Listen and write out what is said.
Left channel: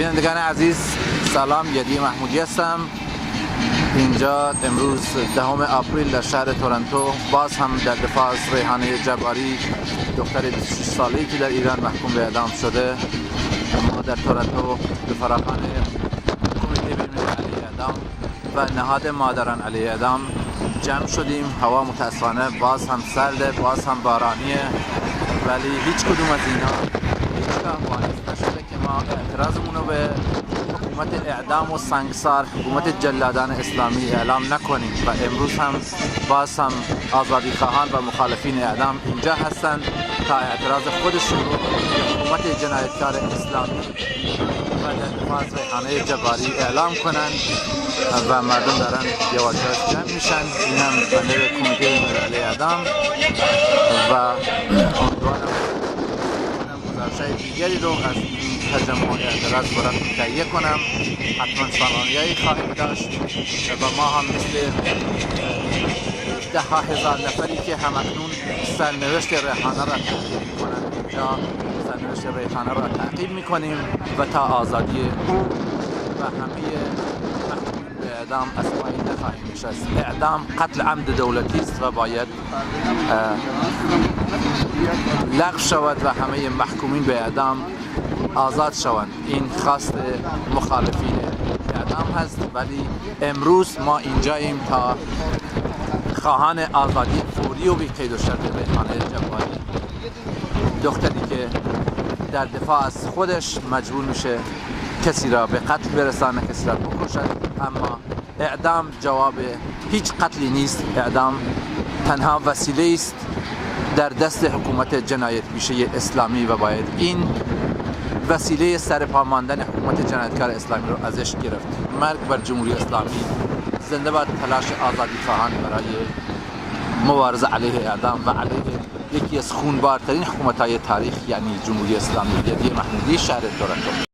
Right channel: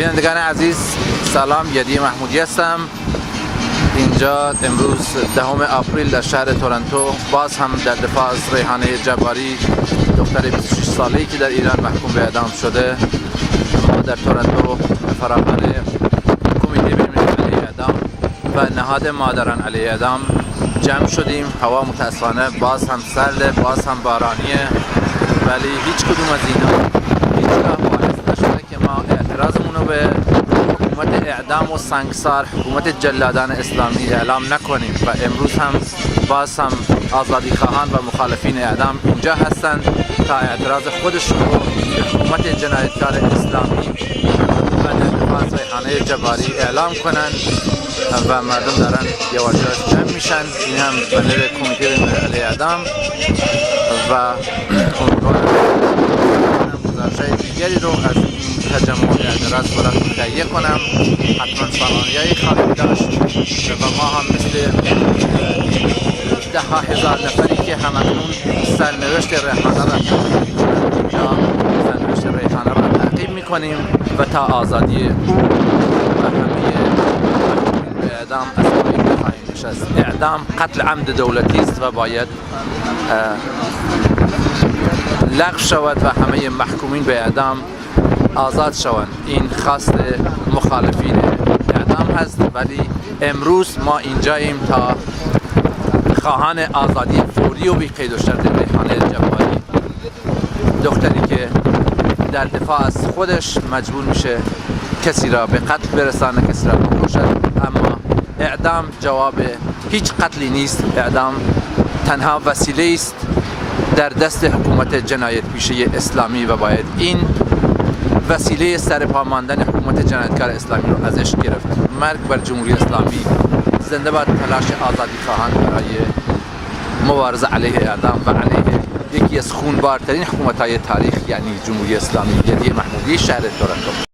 بینندگان عزیز سلام، یدی محمودی هستم. اینجا امروز 10 آپریل در شهر تورنتو باز هم در دفاع از ریحانه جباری، دختر 26 ساله‌ای که در ایران محکوم به اعدام شده. ما در تورنتو فراخوان کمیته بین‌المللی اعدام و نهاد مادران علیه اعدام جمع شدیم. هوا متاسفانه باز هم سرده، باز هم بارانیه، ولی هیچ کدوم از اینا هیچگاه باعث نشده که ما اعتراضمون رو به حکومت اعدام و سنگسار، حکومت جلادان اسلامی اعلام نکنیم. و امروز هم باز هم آزادی خواهان و مخالفین اعدام اینجا هستند تا اعتراض خودشون رو به حکومت جنایتکار اسلامی و در دفاع ریحانه جباری اعلام کنند و مردم دارن یواش یواش جمع میشن. این هم بنر کمیته بین‌المللی اعدام و امیدوارم گزارش‌های دیگری رو از این تجمع اعتراض براتون تهیه کنم. حتما سالانی‌هایی خواهیم داشت و ما هم مثل ده ها هزار نفری که همکنون سرنوشت ریحانه را تعقیب میکنیم و تا آزادی او و همه به اعدام از پایین نخواهیم نشست. اعدام قتل عمد دولتی است و باید لغو شود و همه محکومین به اعدام آزاد شوند. این خواست مخالفین اعدام هست، ولی امروز ما اینجاییم تا خواهان آزادی فوری و بی قید و شرط ریحانه جباری، دختری که در دفاع از خودش مجبور میشه کسی را به قتل برسانه، کسی را بکشد. اما اعدام جواب هیچ قتلی نیست. اعدام تنها وسیله است در دست حکومت جنایت پیشه اسلامی و باید این وسیله سرپا ماندن حکومت جنایتکار اسلامی رو ازش گرفت. مرگ بر جمهوری اسلامی، زنده باد تلاش آزادی خواهان برای مبارزه علیه اعدام و علیه یکی از خونبارترین حکومت‌های تاریخ، یعنی جمهوری اسلامی. یدی محمودی، شهر تورنتو.